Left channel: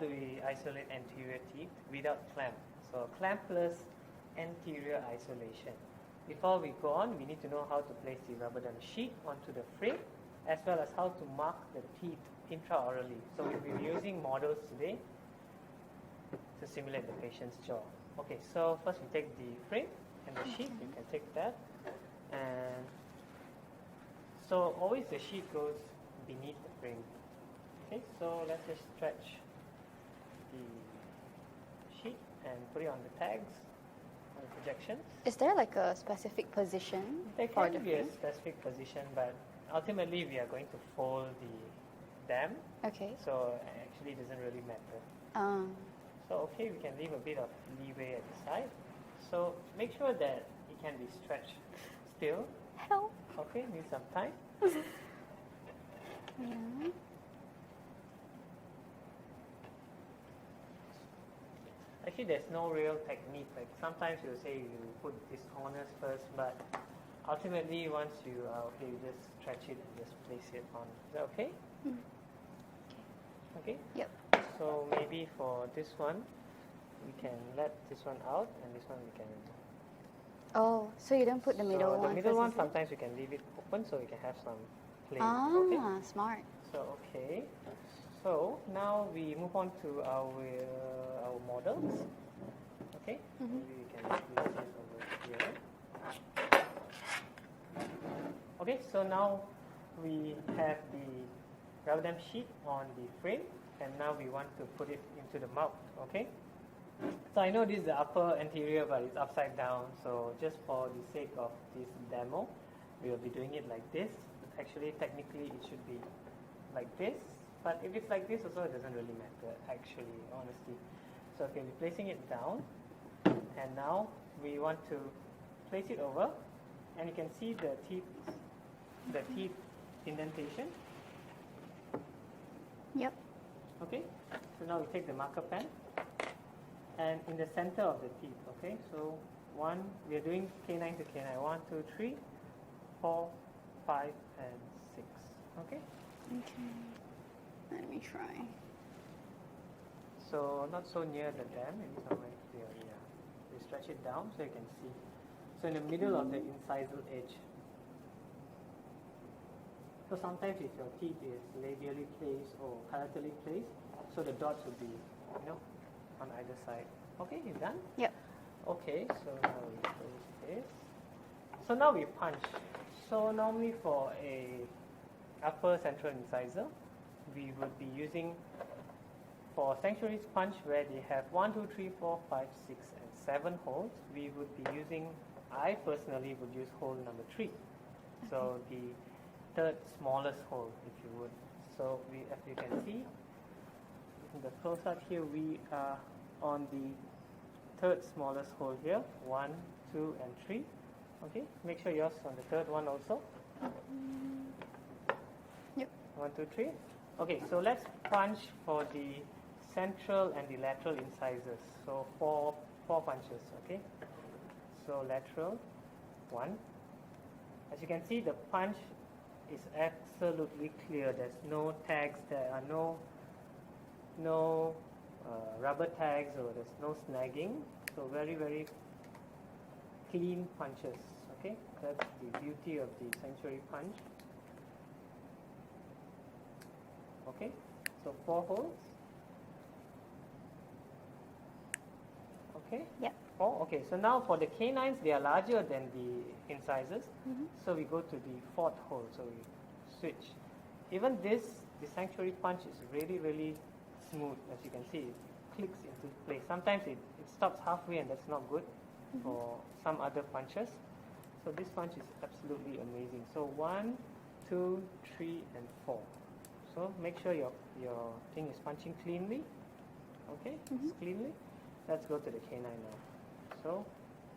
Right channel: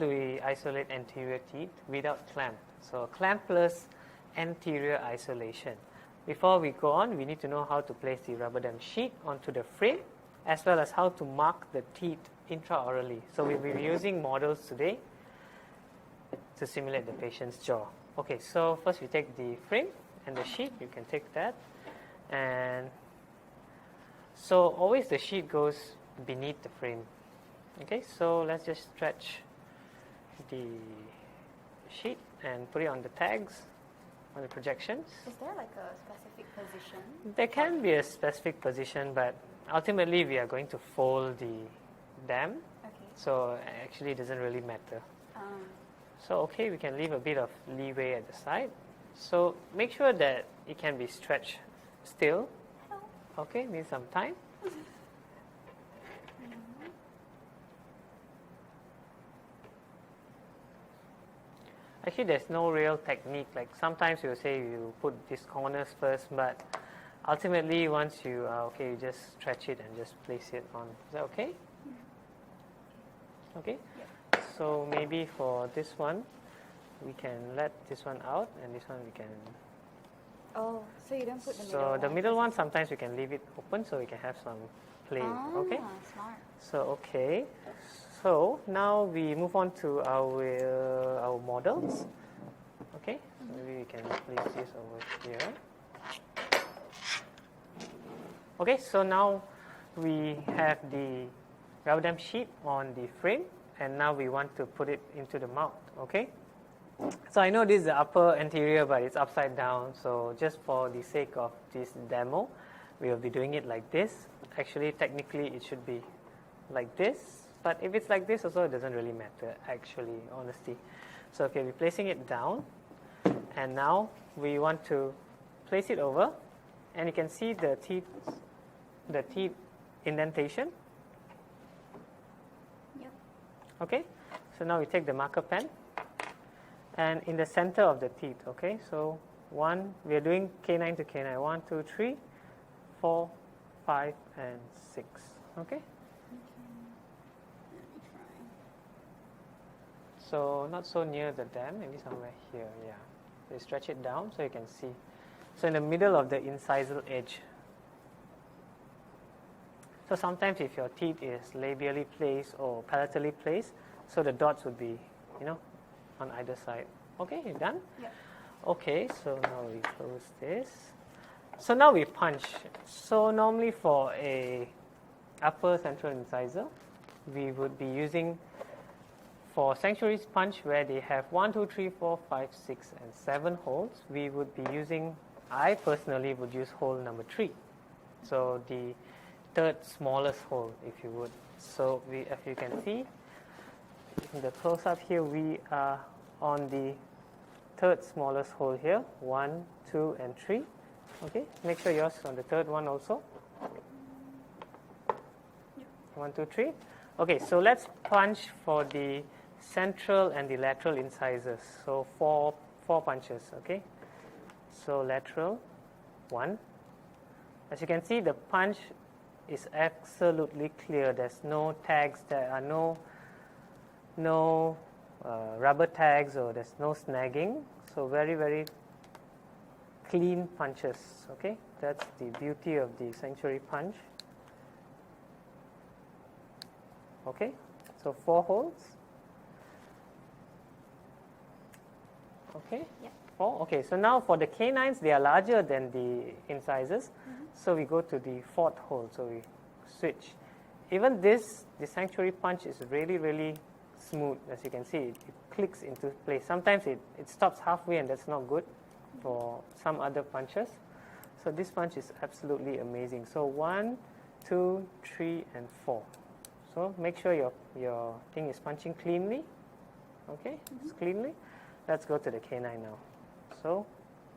do we isolate anterior teeth without clamp? So clampless anterior isolation. Before we go on, we need to know how to place the rubber dam sheet onto the frame, as well as how to mark the teeth intraorally. So we'll be using models today to simulate the patient's jaw. Okay, so first we take the frame and the sheet. You can take that. And so always the sheet goes beneath the frame. Okay, so let's just stretch the sheet and put it on the tags, on the projections. Is there like a specific position? There can be a specific position, but ultimately we are going to fold the dam. Okay. So actually it doesn't really matter. So okay, we can leave a bit of leeway at the side. So make sure that it can be stretched still. Help. Okay, need some time. Actually, there's no real technique. Like sometimes you'll say you put these corners first, but ultimately once you are okay, you just stretch it and just place it on. Is that okay? Okay? Yep. So maybe for this one, we can let this one out, and this one we can. Oh, so you don't put the middle one? So the middle one, sometimes we can leave it open so we can have some play. Okay? Smart. So okay. So now we move on to our models. Okay? Maybe we can place this over here. Okay, so now we have the rubber dam sheet on the frame, and now we want to put it into the mouth. Okay? So I know this is the upper anterior, but it's upside down. So just for the sake of this demo, we will be doing it like this. Actually, technically, it should be like this. But if it's like this also, it doesn't really matter, actually, honestly. So okay, we're placing it down. And now we want to place it over. And you can see the teeth indentation. Yep. Okay, so now we take the marker pen. And in the center of the teeth, okay, so we are doing canine to canine. 1, 2, 3, 4, 5, and 6. Okay? Okay. Let me try. So not so near the dam, maybe somewhere here, yeah. So you stretch it down so you can see. So in the middle of the incisal edge. So sometimes if your teeth is labially placed or palatally placed, so the dots would be, on either side. Okay, you done? Yep. Okay, so now we close this. So now we punch. So normally for a upper central incisor, we would be using, for sanctuary's punch where they have 1, 2, 3, 4, 5, 6, and 7 holes, we would be using, I personally would use hole number 3. So the third smallest hole, if you would. So as you can see, in the close-up here, we are on the third smallest hole here, 1, 2, and 3. Okay, make sure yours on the third one also. Yep. 1, 2, 3. Okay, so let's punch for the central and the lateral incisors. So four punches. Okay. So lateral, 1. As you can see, the punch is absolutely clear. There's no tags. There are no rubber tags, or there's no snagging. So very, very clean punches. Okay, that's the beauty of the sanctuary punch. Okay, so 4 holes. Okay. Yeah. 4. Okay, so now for the canines, they are larger than the incisors. So we go to the 4th hole. So we switch. Even the sanctuary punch is really, really smooth. As you can see, it clicks into place. Sometimes it stops halfway, and that's not good for some other punches. So this punch is absolutely amazing. So 1, 2, 3, and 4. So make sure your thing is punching cleanly. Okay, it's cleanly. Let's go to the canine now. So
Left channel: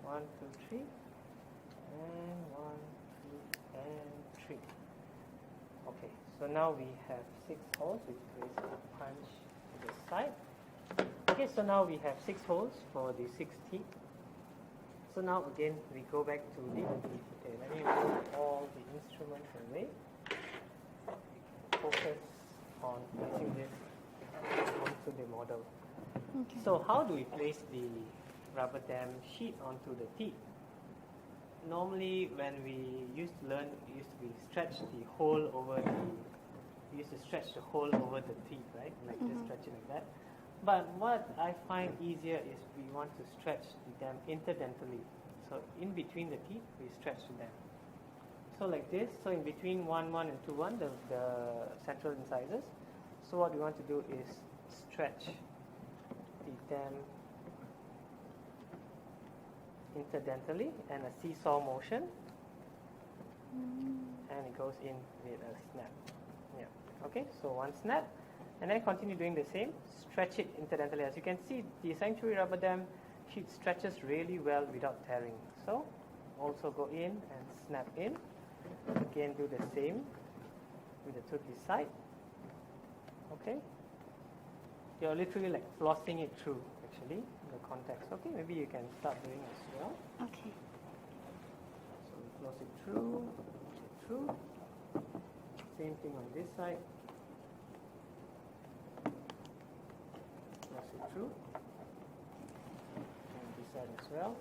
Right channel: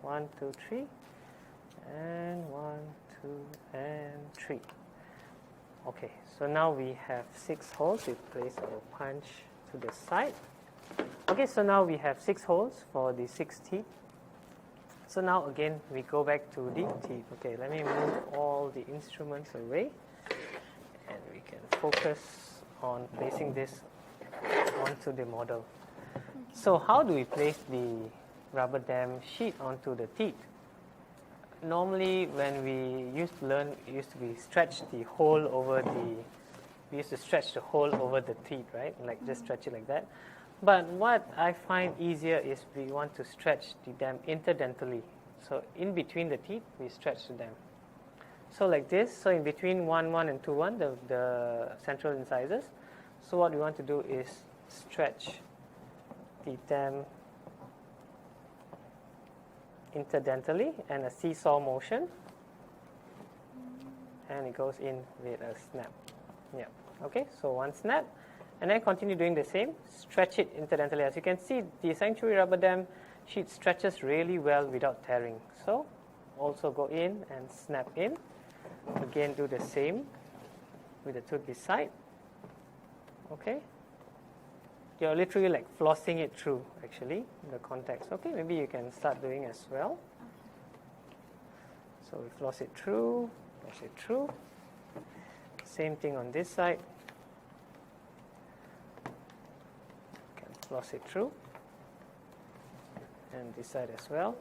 1, 2, 3, and 1, 2, and 3. Okay, so now we have 6 holes. We place our punch to the side. Okay, so now we have 6 holes for the 6 teeth. So now again we go back to the teeth. Okay, let me move all the instruments away, and we can focus on placing this onto the model. So how do we place the rubber dam sheet onto the teeth? Normally, when we used to learn, we used to stretch the hole over we used to stretch the hole over the teeth, right? Like just stretch it like that. But what I find easier is we want to stretch the dam interdentally. So in between the teeth, we stretch the dam. So like this, so in between 1, 1 and 2, 1, the central incisors. So what we want to do is stretch the dam interdentally and a seesaw motion, and it goes in with a snap. Yeah. Okay, so one snap, and then continue doing the same. Stretch it interdentally. As you can see, the sanctuary rubber dam sheet stretches really well without tearing. So also go in and snap in. Again, do the same with the tooth beside. Okay. You're literally like flossing it through, actually, the contacts. Okay, maybe you can start doing as well. Okay. So we floss it through, Same thing on this side. Floss it through. And this side as well.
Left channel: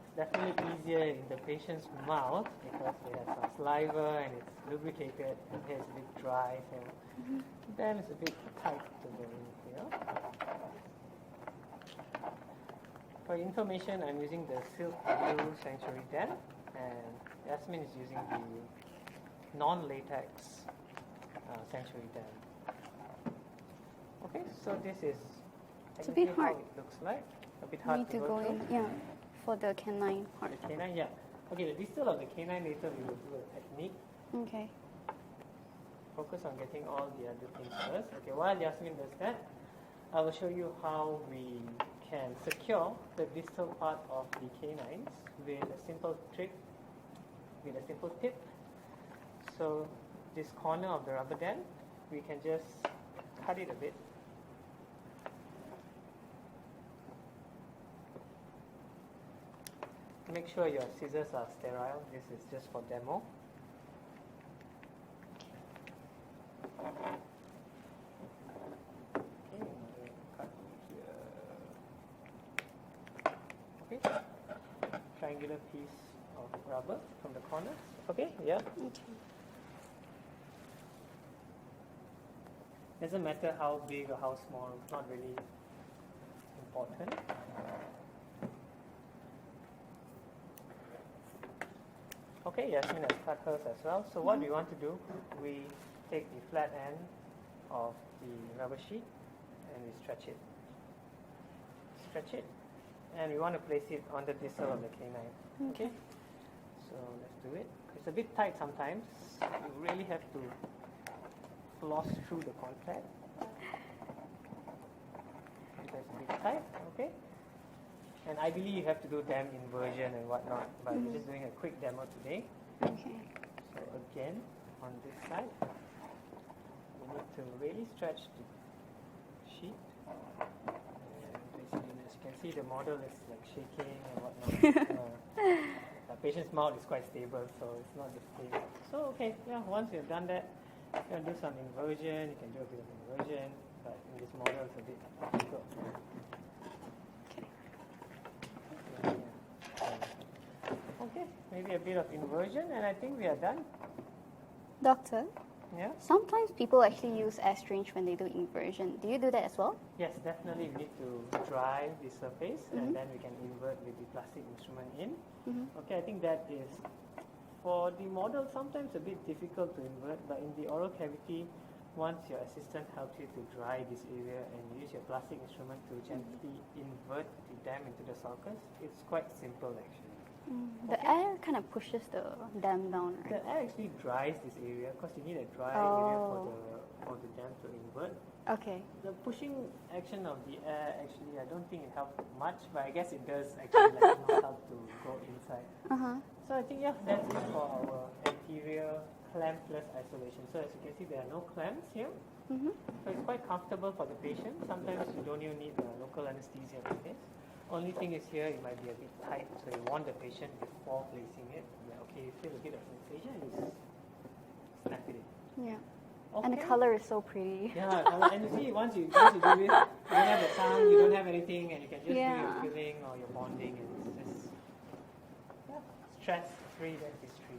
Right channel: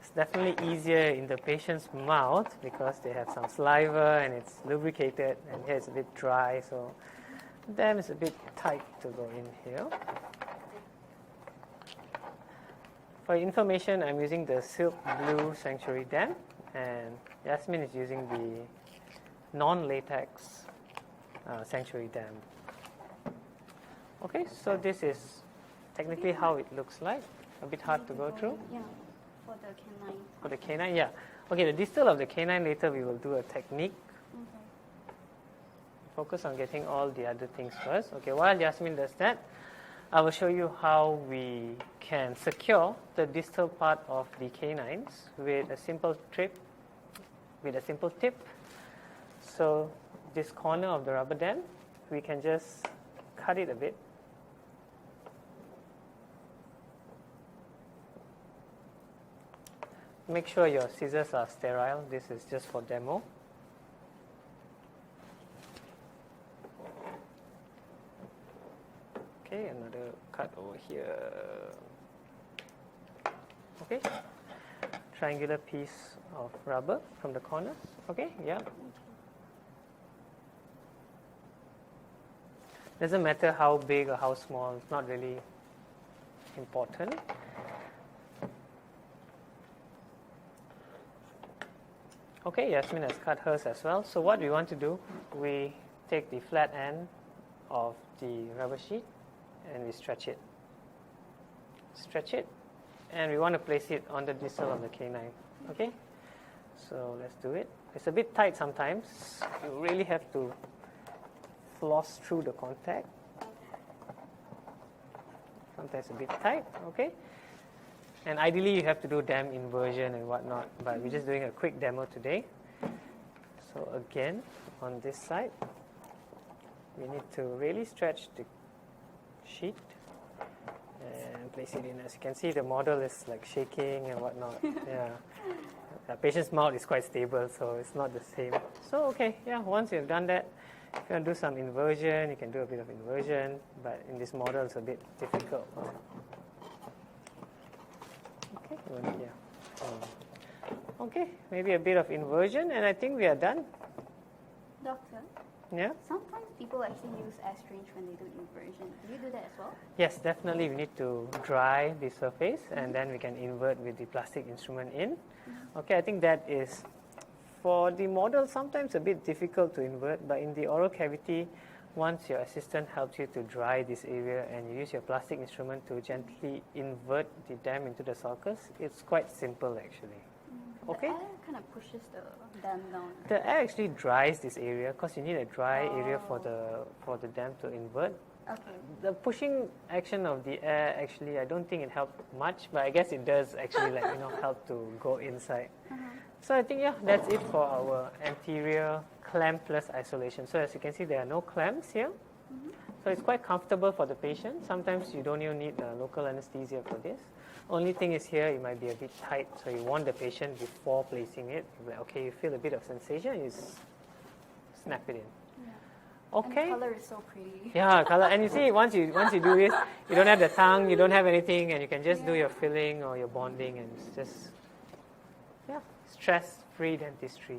It's definitely easier in the patient's mouth because they have some saliva and it's lubricated, and here it's a bit dry, so dam is a bit tight to go in here. For information, I'm using the Silk Blue Sanctuary dam, and Yasmin is using the non-latex Sanctuary dam. Okay, so this is technically how it looks like. A bit hard to go through. Yeah, for the canine. For the canine, yeah. Okay, the distal of the canine, later we will do a technique. Okay. Focus on getting all the other things first. Okay, while Yasmin does that, I will show you how we can secure the distal part of the canines with a simple tip. So this corner of the rubber dam, we can just cut it a bit. Make sure your scissors are sterile. This is just for demo. Okay, another cut over here. Okay, triangular piece of rubber from the corners. Okay, yeah. Okay. Doesn't matter how big or how small, it's not really important. Okay, Yasmin has cut hers as well. So what we want to do, we take the flat end of the rubber sheet and we stretch it. Stretch it, and we want to place it on the distal of the canine. Okay? So let's do it. It's a bit tight sometimes. You really have to floss through the contact. Sometimes a bit tight, okay? And ideally you have to do dam inversion and whatnot, but we're just doing a quick demo today. Okay. So again, on this side, we need to really stretch the sheet and place it in. As you can see, the model is like shaking and whatnot. Yeah. The patient's mouth is quite stable, so it's not the same. So okay, yeah, once you've done that, if you want to do some inversion, you can do a bit of inversion, but in this model it's a bit difficult. Okay, maybe a bit of inversion, and I think we are done. Doctor, Yeah? sometimes people actually use astringe when they do inversion. Do you do that as well? Yes, definitely we need to dry the surface, and then we can invert with the plastic instrument in. Okay, I think that is, for the model, sometimes a bit difficult to invert, but in the oral cavity, once your assistant helps you to dry this area and you use your plastic instrument to gently invert the dam into the sulcus, it's quite simple actually. The air kind of pushes the dam down. The air actually dries this area because you need a dry area for the dam to invert. Okay. The pushing action of the air, actually, I don't think it helped much, but I guess it does actually help to go inside. So I think, yeah, that's it for our anterior clampless isolation. So as you can see, there are no clamps here. So it's quite comfortable for the patient. Sometimes you don't even need local anesthesia for this. Only thing is here, it might be a bit tight, so you warn the patient before placing it. Like, okay, you feel a bit of sensation, you snap it in. Yeah. Okay. And the color is so pretty. Yeah, color. And you see, once you do this, you don't have the tongue, you don't have anything, and you can just do your Yeah. filling or your bonding, and it's just stress-free dentistry.